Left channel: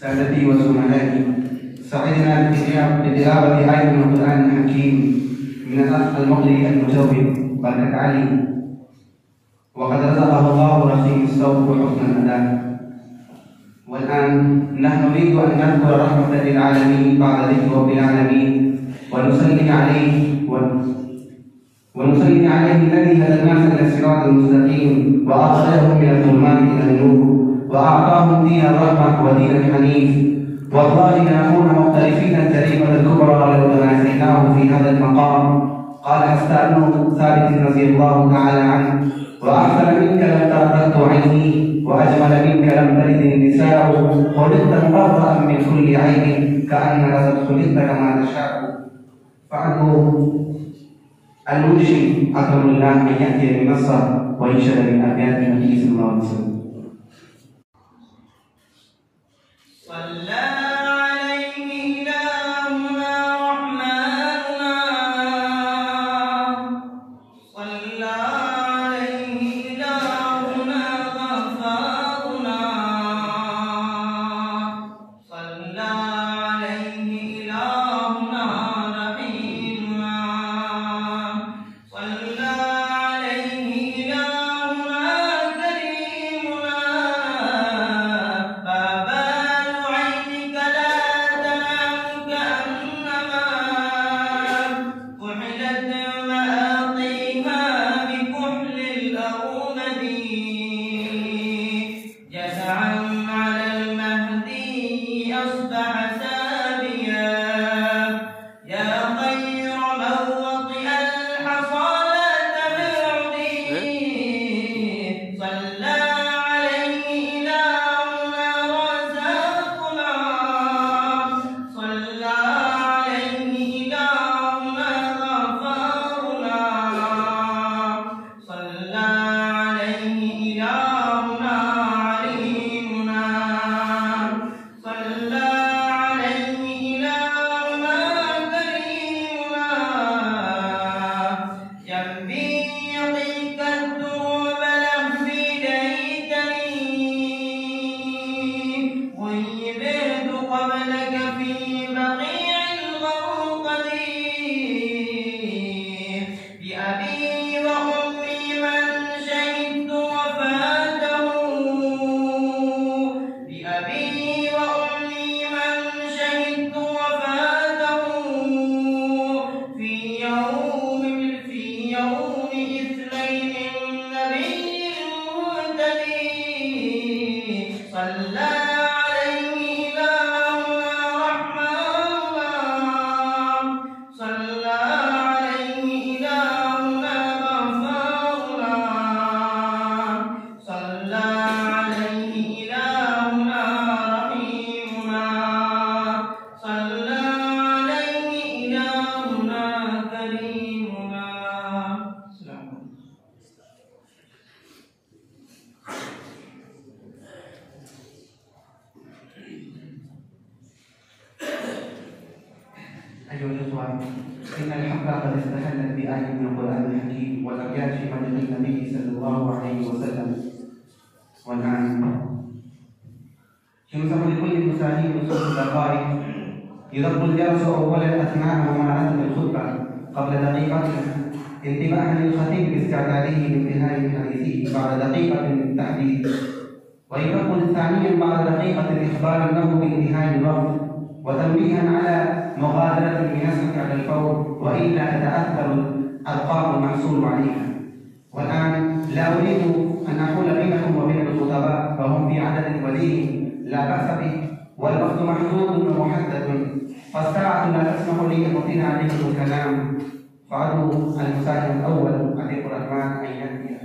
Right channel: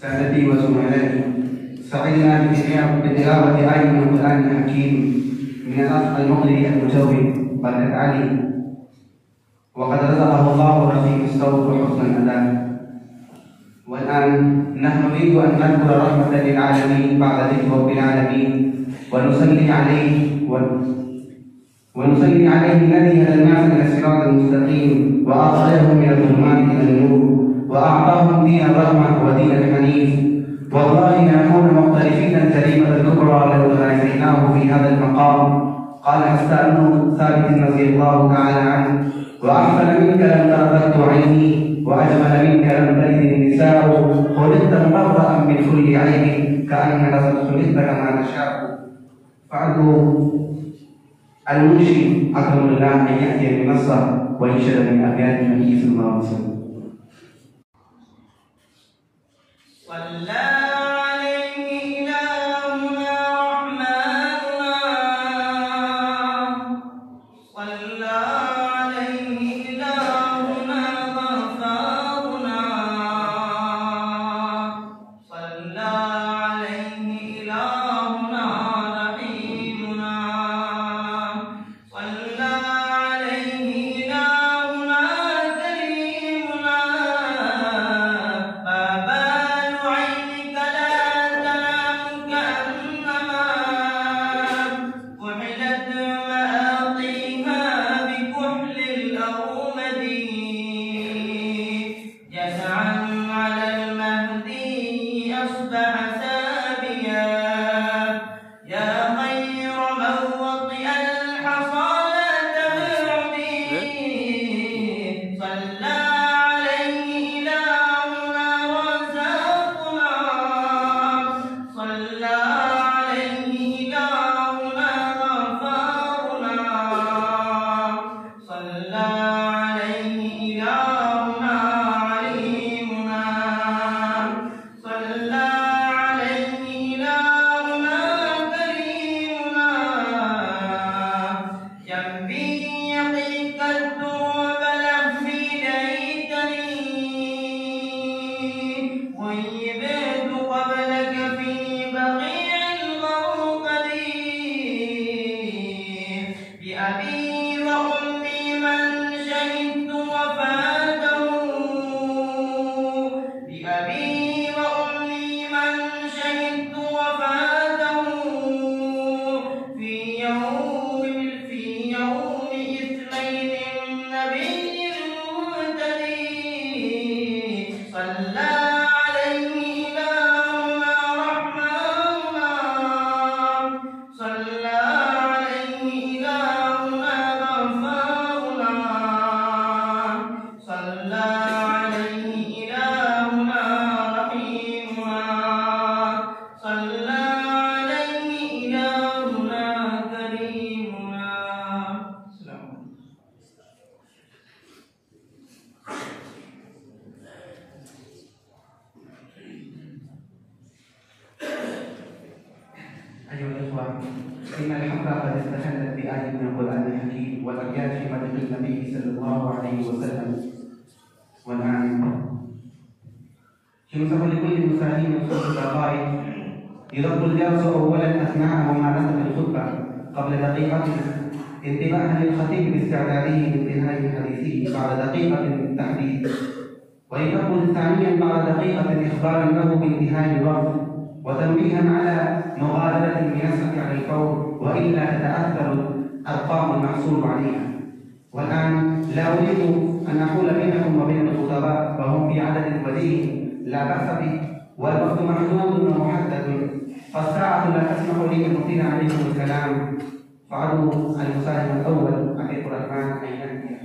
سادتي وزملائي، سعدنا بتلاوة آية من القرآن الحكيم من الأخ المغري المجود بركة علي، وقد رزقه الله رخيم الصوت وحسن الأداء. والآن نحن نريد أن نذكر رحمة للعالمين بعد ذكر رب العالمين، ونصلي عليه الذي هدى الناس إلى الصراط المستقيم وأخرجهم من الظلمات إلى النور، وأعطاهم دين الرحمة ودين الحنيف. والله نكون مختلفين الجريمة الكبرى لو تنازعناه في هذا المقام. قال حسان ثابت رضي الله تعالى عنه: وأحسن منك لم تركت عيني، وأجمل منك لم تلد النساء، خلقت مبرأ من كل عيب، كأنك قد خلقت كما تشاء. فأدعو المنشي أكرم الله أن يأتي بنصه وينشد من أبيات النبي صلى الله عليه وسلم. إن الحق قد استحلت بآية من القرآن الحكيم والأبيات في مدح النبي صلى الله عليه وسلم. والآن ينصح لكل مساهيم صوت الدقائق يضرب الجالس أولا أثناء ممارسة الخطبة قبل دقيقة انتباها للخطيب باستعداده لانتهاء حديثه بعد دقيقة من التحديث، ويقول ثانيا بعد دقيقة إخبارا له بانتهاء الوقت وتنبيها على مغادرة المياسة على الفور، وإلا تتأثر الأرقام المحصول عليها. والآن لا أريد أن أقول بينكم وبين الخطباء فهم في عدد قليل لا بأس به، والوقت محدود ومحدد، فالساعة لا تسمح لي أن أطيل عليكم الكلام. فعدوا المساهم الأول عتيق الرحمن أن يأتي.